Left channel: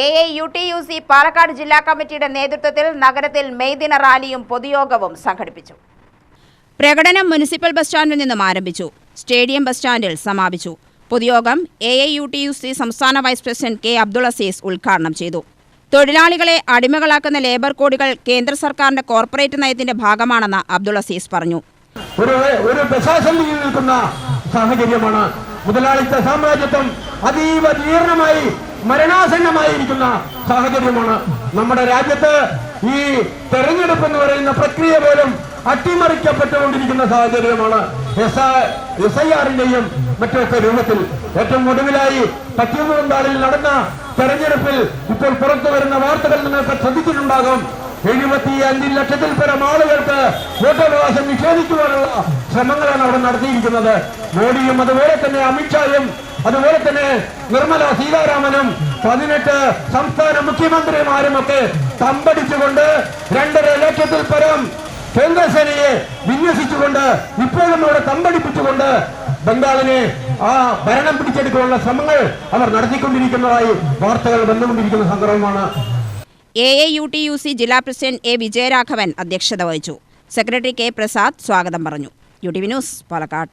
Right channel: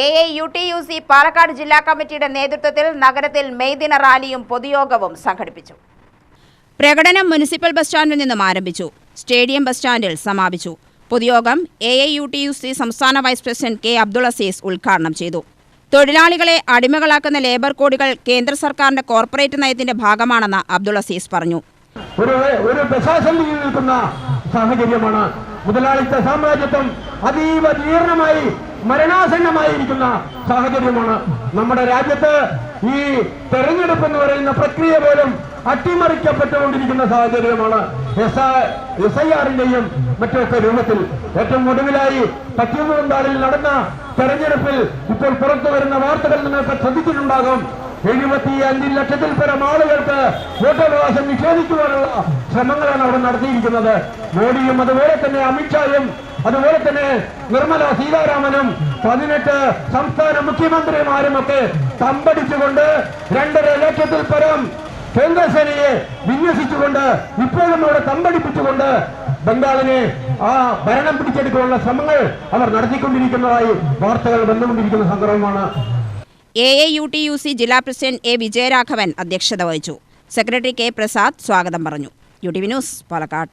AAUTUC Palakkad ജില്ലാ കമ്മിറ്റിയുടെ നേതൃത്വത്തിൽ നഗരത്തിൽ മെയ് ദിന റാലിയും പൊതുയോഗവും സംഘടിപ്പിച്ചു. പ്രകടനം മുനിസിപ്പൽ ബസ് സ്റ്റാൻഡിൽ നിന്നും ആരംഭിച്ചു. സ്റ്റേഡിയം ബസ് സ്റ്റാൻഡിൽ സമാപിച്ചു. പൊതുയോഗം AAUTUC സംസ്ഥാന vice president K Abdul Aziz ഉദ്ഘാടനം ചെയ്തു. തൊഴിലാളികളെ അടിമകളാക്കുന്ന ലേബർ കോഡുകൾ കേന്ദ്ര സർക്കാരിന്റെ കോർപ്പറേറ്റ് നയത്തിന്റെ ഭാഗമാണെന്ന് അബ്ദുൾ അസീസ് പറഞ്ഞു. സാഹചര്യമാണ് മുതലാളിത്ത സാമ്രാജ്യത്വം അതീവ ജീർണമായി മരണാസന്നമായിരിക്കുന്ന സാഹചര്യമാണ്. നമ്മുടെ രാജ്യത്ത് ഈ തെരഞ്ഞെടുപ്പ് എന്ന് പറയുന്ന പ്രക്രിയ പോലും അട്ടിമറിക്കപ്പെട്ടുകൊണ്ടിരിക്കുന്ന സാഹചര്യമാണ്. SIR-ന്റെയും മറ്റൊക്കെ രൂപത്തിൽ ഏറ്റവും ഒടുവിലായി പശ്ചിമബംഗാളിൽ നടന്ന തെരഞ്ഞെടുപ്പിൽ ഇപ്പോൾ പുറത്തു വരുന്ന വാർത്തകൾ നിങ്ങൾക്ക് ശ്രദ്ധിച്ചിട്ടുണ്ടാകും. 75 ലക്ഷത്തിൽ പരം ആളുകൾക്ക് വോട്ടവകാശം നിഷേധിക്കുവാനുള്ള ശ്രമങ്ങളാണ് അവിടെ നടത്തിയിരിക്കുന്നത്. മോഡിയും അതുപോലെ തന്നെ അമിത്ഷായും അതുപോലെ തന്നെ നിർമ്മല സീതാരാമനും 18 സംസ്ഥാന മുഖ്യമന്ത്രിമാരും ഒക്കെ തമ്പടിച്ചുകൊണ്ട് 2.5 ലക്ഷത്തിൽ പരം കേന്ദ്രസേനയെ വിന്യസിച്ചുകൊണ്ട് ഇപ്പോഴും അവിടെ തമ്പടിപ്പിച്ചുകൊണ്ട് ബംഗാളിനെ ആ ഭരണം പിടിച്ചെടുക്കാനുള്ള ശ്രമങ്ങൾ അവർ നടത്തിക്കൊണ്ടിരിക്കുന്നതായി വാർത്തകൾ വന്നുകൊണ്ടിരിക്കുന്ന സന്ദർഭമാണ്. AAUTUC ജില്ലാ പ്രസിഡന്റ് A. വിജയരാഘവൻ അധ്യക്ഷത വഹിച്ചു. Secretary K. പ്രസാദ് സ്വാഗതം പറഞ്ഞു. UTV news Palakkad.